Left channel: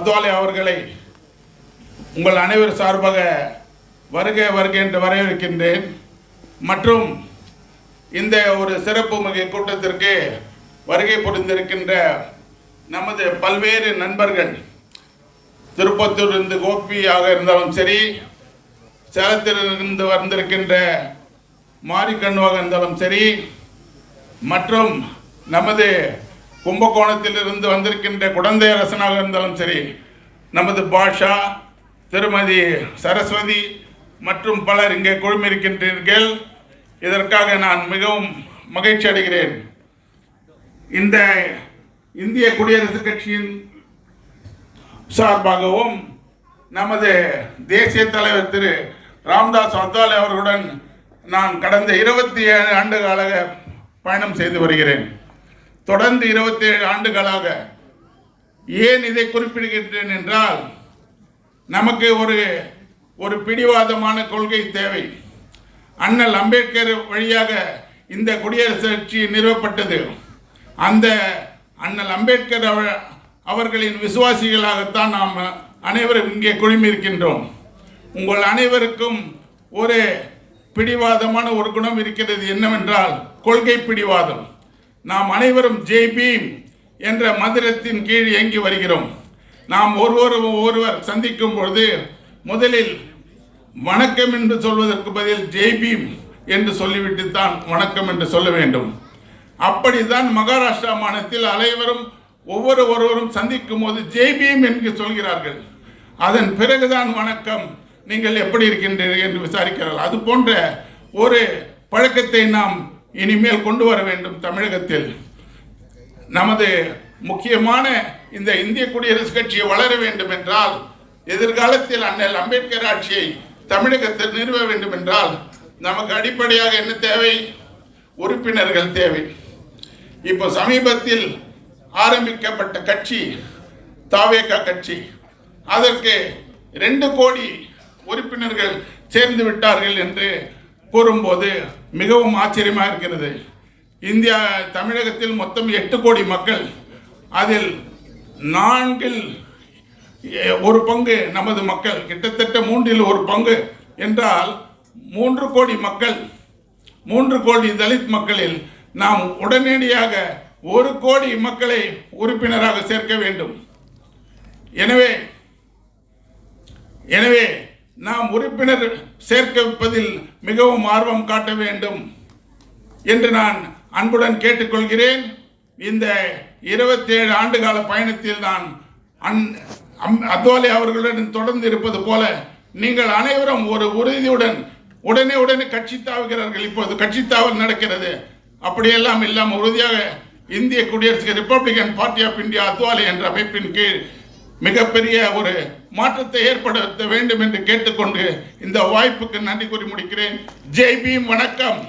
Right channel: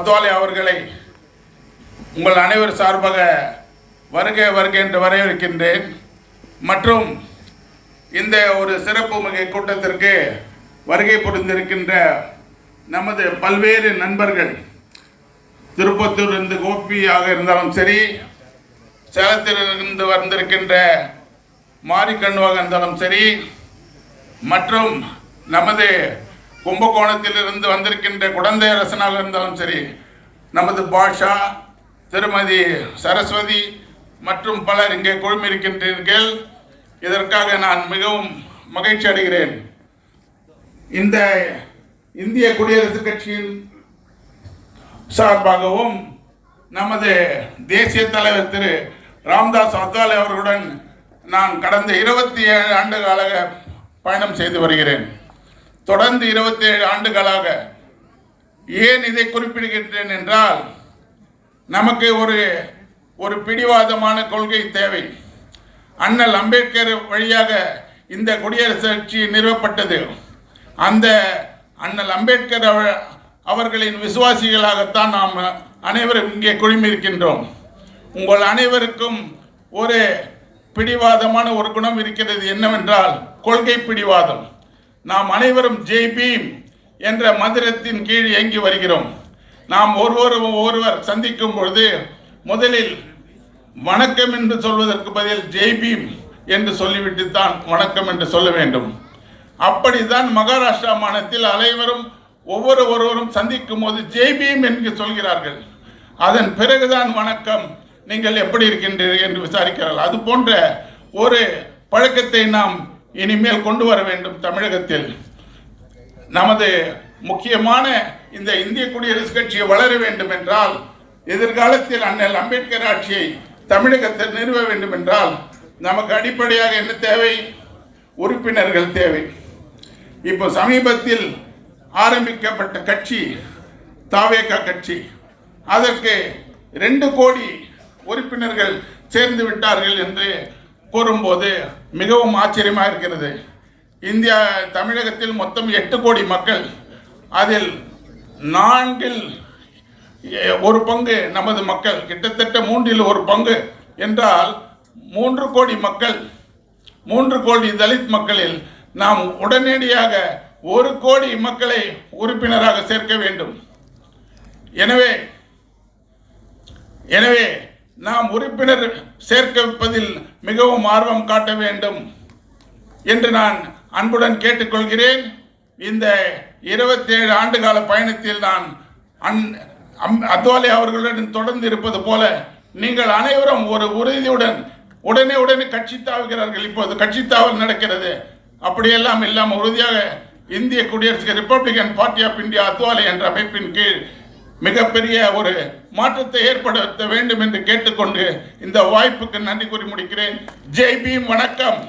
அத்வாலே அவர்களை உங்கள் அனைவர் சார்பாக வருக வருக என்று வரவேற்கின்றேன். மற்றும் இந்த ஒரு சிறப்பு மிகு கூட்டத்திற்கு வருகை புரிந்திருக்கின்ற நமது பல்வேறு நண்பர்கள், திருப்பத்தூர் இருந்து கோபியாக இருந்தாலும் சரி, சேலத்திலிருந்து வந்திருக்கின்ற மாரிக்கண்ணுவாக இருந்தாலும் சரி, மற்றும் நமது கும்பகோணத்திலிருந்து வந்திருக்கின்ற குடந்தை அரசனாக இருந்தாலும் சரி, நமது பாஷா, திருமதி சரஸ்வதி மற்றும் பலர் இங்கே குழுமிருக்கின்றீர்கள். இதற்காக நான் மிகவும் மகிழ்ச்சி அடைகிறேன். இந்த இந்திய குடியரசுக் கட்சியின் சார்பாகவும் நமது தேசிய தலைவர் திரு ராம்தாஸ் அத்வாலே அவர்களுடன் நான் கடந்த 27 ஆண்டுகளாக பயணம் செய்து வருகிறேன். தொடர்ந்து 27 ஆண்டுகளாக. ஏன் இதை குறிப்பிடுகின்றேன் என்றால், நமக்கு ஒரு பிடிவாதமான கொள்கை தேவை. அண்ணல் அம்பேத்கர் வழியாக இந்த குடியரசுக் கட்சி நிறுவப்பட்டது. அந்த அண்ணல் அம்பேத்கர் அவர்களின் விசுவாசிகளாகத்தான் நாம் அனைவரும் இங்கே குழுமியிருக்கின்றோம். உங்கள் அனைவருக்கும் ஒரு பிடிவாதமான ஒரு குணம் இருக்கிறது. என்னவென்றால் கொள்கை பிடிவாதம். நாம் அனைவரும் ஜெய் பீம் என்ற மந்திரத்தின் கீழ் இயங்கி வருகிறோம். நாம் ஒருவர் சந்திக்கும் பொழுது முதலில் வணக்கம் என்று சொல்வதற்கு பதில் ஜெய் பீம் என்று சொல்லிவிட்டு தான் வணக்கம் என்று சொல்ல வேண்டும். அப்படித்தான் மகாராஷ்டிரா மாநிலத்தில் அனைவரும் ஒவ்வொருவரும் சந்திக்கும் போது ஜெய் பீம் என்று சொல்கிறார்கள். அதன் பிறகுதான் வணக்கம், நீங்கள் எப்படி இருக்கின்றீர்கள் என்று விசாரிக்கிறார்கள். அது போன்ற ஒரு பழக்கத்தை நாம் இனிமேல் கொண்டு வர வேண்டும். தமிழகத்தில் நமது முக்கியமான இந்த இந்திய குடியரசுக் கட்சி வளர வேண்டும் என்றால், எதிர்காலத்தில் அண்ணல் அம்பேத்கர் ஆட்சியை தமிழகத்தில் நிறுவ வேண்டும் என்றால் நமக்கு அடிப்படையாக என்ன தேவை? உறுப்பினர்கள் தேவை. இப்போ சமீபத்தில் ஆரம்பிக்கப்பட்ட கட்சி தாவேகா கட்சி, அதற்கு 2 கோடி உறுப்பினர்கள் சேர்ந்து விட்டார்கள் என்று கூறும்போது மிகவும் ஆச்சரியமாக இருக்கிறது. தமிழகத்தில் மொத்தம் 8 கோடி மக்கள், அதில் 4 ஒரு பங்கு நமது மக்கள், கிட்டத்தட்ட 3 ஒரு பங்கு என்றால் 3 கோடி மக்கள், 3 கோடி தலித் மக்களில் நாம் உடனடியாக 1 கோடி மக்களை உறுப்பினராக சேர்க்க வேண்டும். எனவே நாம் உறுப்பினர் சேர்ப்பதில் மிகவும் ஆர்வம் காட்ட வேண்டும் என்று நான் அன்புடன் கேட்டுக்கொள்கிறேன். இந்த 27 ஆண்டுகால பயணத்தில் நான் அத்வாலே அவர்களுடன் தொடர்ந்து இருப்பது போல நீங்கள் அனைவரும் ஒரு உறுதியுடன் உடனே கட்சி தாவுகிறார்கள். இப்போது கட்சி தாவல் நடக்கிறது. அப்படியெல்லாம் இல்லாமல் உறுதியாக இந்திய குடியரசு Republican Party of India Athawale என்ற அமைப்பின் கீழ் மிகப்பெரிய ஒரு மாற்றத்தை ஏற்படுத்த வேண்டும் என்று கேட்டுக்கொண்டு இந்த வாய்ப்புக்கு நன்றி கூறி முடிக்கிறேன். ஜெய் பீம். வணக்கம்.